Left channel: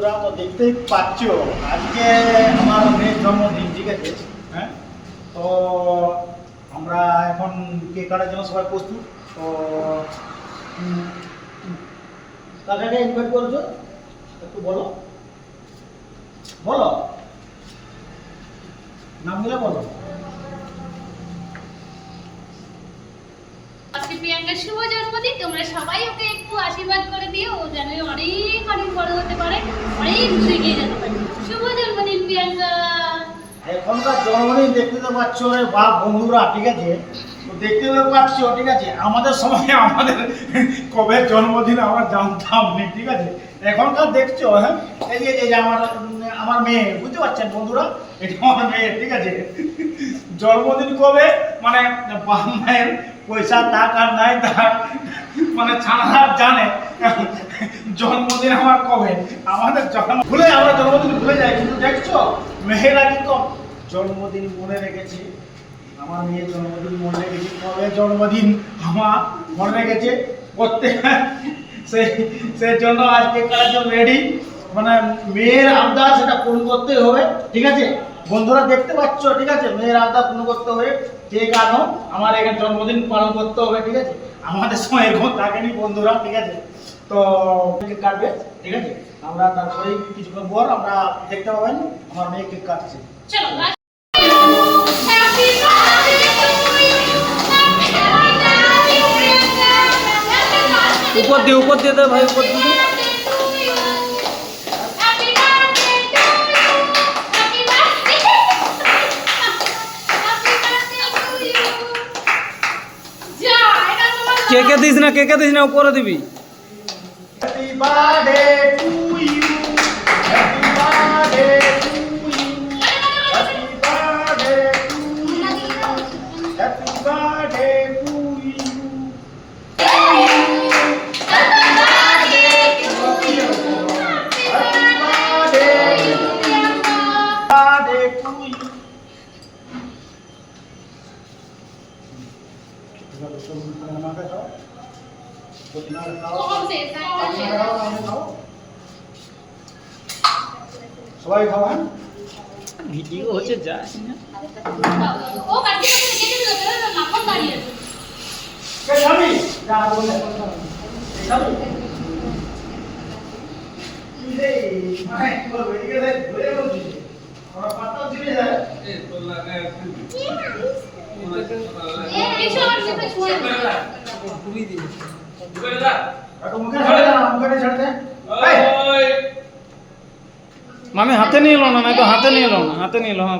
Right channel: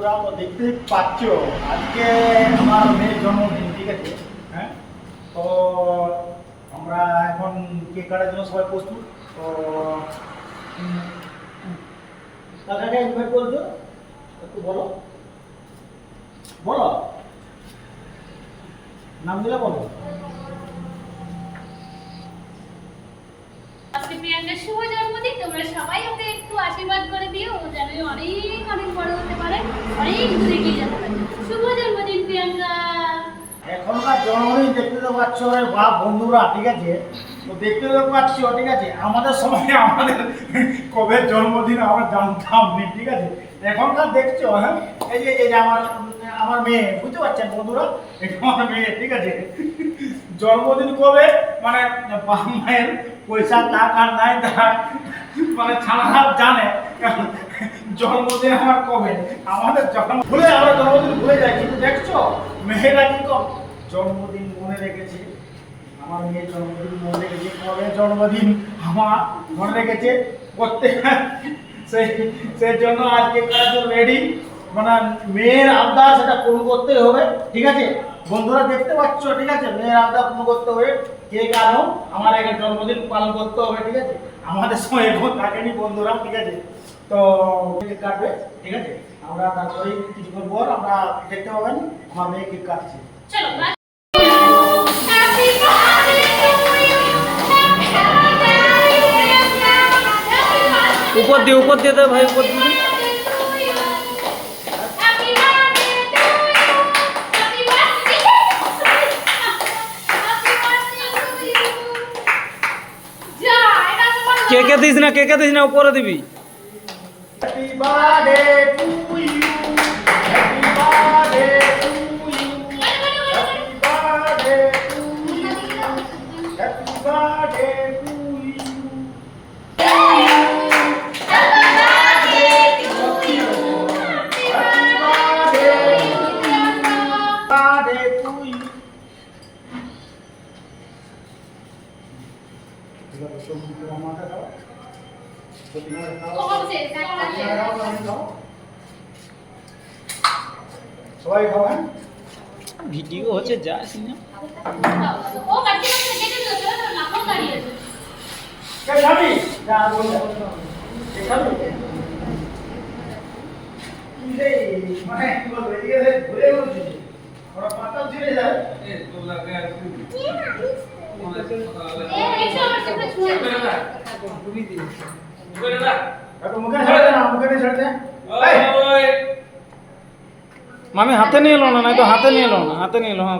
বন্ধুরা তো দেখতেই পাচ্ছ আজকে আমার মেয়ের জন্মদিন, ঠিক আছে? হ্যাঁ, তো আমরা এখন কেক কাটার জন্য সবাই প্রস্তুত। তো কাকাকে ইনভাইট করছো, একটু বলো বলো নামগুলো বলো। আজকে প্রিয়াঙ্কার শুভ জন্মদিন, তোমরা সবাই ওকে একটু আশীর্বাদ করে দিও, ও যেন অনেক অনেক বড় হতে পারে, অনেক দূর এগিয়ে যেতে পারে। শুভ জন্মদিন প্রিয়াঙ্কা। এখনকার জন্মদিন দেখতে তো পাচ্ছ রে বাপ বন্ধুরা, ঠিক আছে? তো দেখতে তো পাচ্ছ, ঠিক আছে? আমাদের সময় আমাদের কবে জন্মদিন আমরা জানতাম নি, ঠিক আছে? এখনকার দেখছো, হ্যাঁ, এই যে এই যে আমার মেয়ে, বুঝতে পারছেন বন্ধুরা? এটা আমার মেয়ে, ঠিক আছে? জন্মদিন কবে মানে বাপ মায়ের পয়সা টাকা নাই, তার মানে ছাড়া জানে জন্মদিন আমার কবে। আমাদের আমরা জন্মদিন ভুলে যাই, কিন্তু দেখছো মেয়েরা কিন্তু জন্মদিন মনে রেখেছে। আমার মেয়ের জন্মদিন মনে রেখেছে, কবে জন্মদিন আমার মনে রেখেছে করতে। সেই জন্য আজকে কাটার জন্য রেডি, মানে মেয়ের আবদার সেটা পূরণ করতে হবে, ঠিক আছে বন্ধুরা? দেখতে পাচ্ছ, ঠিক আছে? মেয়ের আবদার পূরণ করতে হবে, কেক আনো, আমার এখানে জন্মদিন পালন করতে হবে, ঠিক আছে? আমাদের সময় এরকম থাকেনি বন্ধুরা, ঠিক আছে? তো কেক কাটবে, ঠিক আছে? আমরা তারপরেই কিছুক্ষণ পর আমরা দেখতে পাবেন আমার মেয়ে কেক কাটছে। চলো উপর দিয়ে দে ভাই, উপর দিয়ে কেকে দিস না, উপরে দিবি। Happy birthday to you, happy birthday to you, happy birthday to you, happy birthday to you, happy birthday to you, happy birthday to you. আমাকে দাও, সবাই খাও, হ্যাঁ? ভিডিও হচ্ছে, যাস না। ও কাটি কেটে দিও, না কোন দাঁড়িয়ে আছে। কে খাবি? যা বলে কে খাবি? এই মানে কি বলবো, এদিকে ঘুরে বলছিস ওরা পাতাও ছিঁড়ে যায়। মুখে ছাড়ে না, মুখে ছাড়ে দে। মামি হাতে নিয়ে এলো না, হাতে নিয়ে এলো, হ্যাঁ।